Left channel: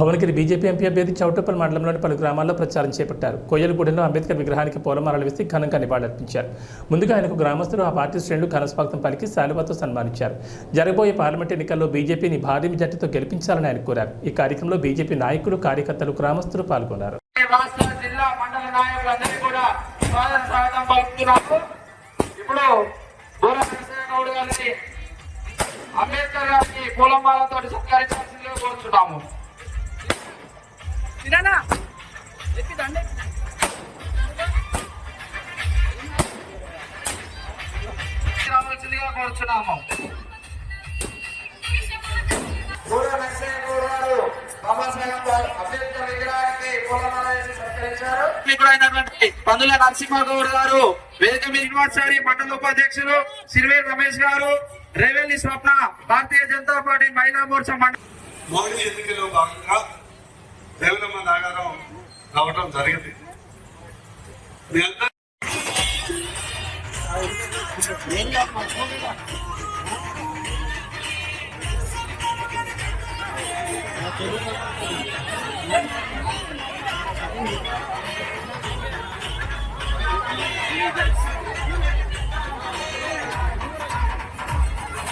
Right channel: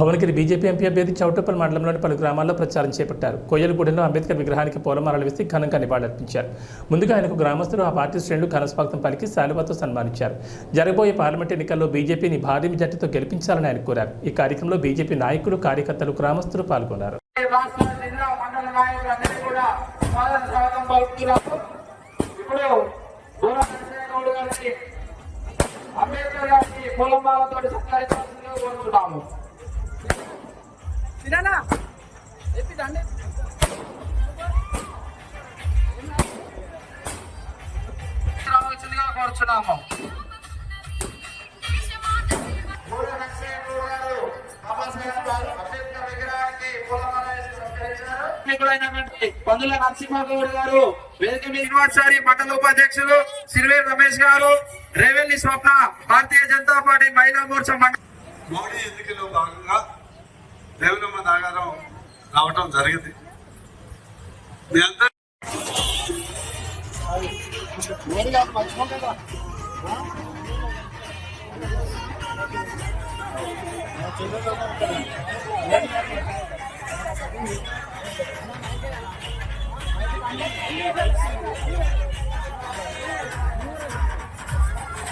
Bhuvanagiri BJP MP అభ్యర్థి చౌటప్పల్ మండలంలోని పలు గ్రామాల్లో ప్రచారం చేపట్టారు. కోయలగూడెంలో అంబేద్కర్ విగ్రహానికి పూలమాలలు వేసి ఘనంగా నివాళులర్పించారు. ముందుగా ఆయనకు గ్రామస్తులు ఆ పార్టీ శ్రేణులు ఘనస్వాగతం పలికి శాలువాతో సన్మానించారు. జరగబోయే పార్లమెంట్ ఎన్నికల్లో బీజేపీని భారీ మెజార్టీతో గెలిపించాలని ఆయన కోరారు. ఈ కార్యక్రమంలో బీజేపీ నాయకులు కార్యకర్తలు గ్రామస్తులు పాల్గొన్నారు. అంబేద్కర్ గారికి పూలమాలతో సత్కరించాల్సిందిగా కోరుతున్నాము. స్పీకరైనటువంటి పందుల నరసింహగౌడ్ గారు వేదిక మీద యూనివర్సిటీ మండల ఉపాధ్యక్షులు సిరివేల్ రమేష్ గారు రేవెల్లి స్వప్న భారతీయ జనతా పార్టీ మహిళా మోర్చా మండల మోడీ ఎన్నికల్లో భాగంగా దేవరమ్మ నాగారం రావటం జరిగింది. మీ అందరూ Thank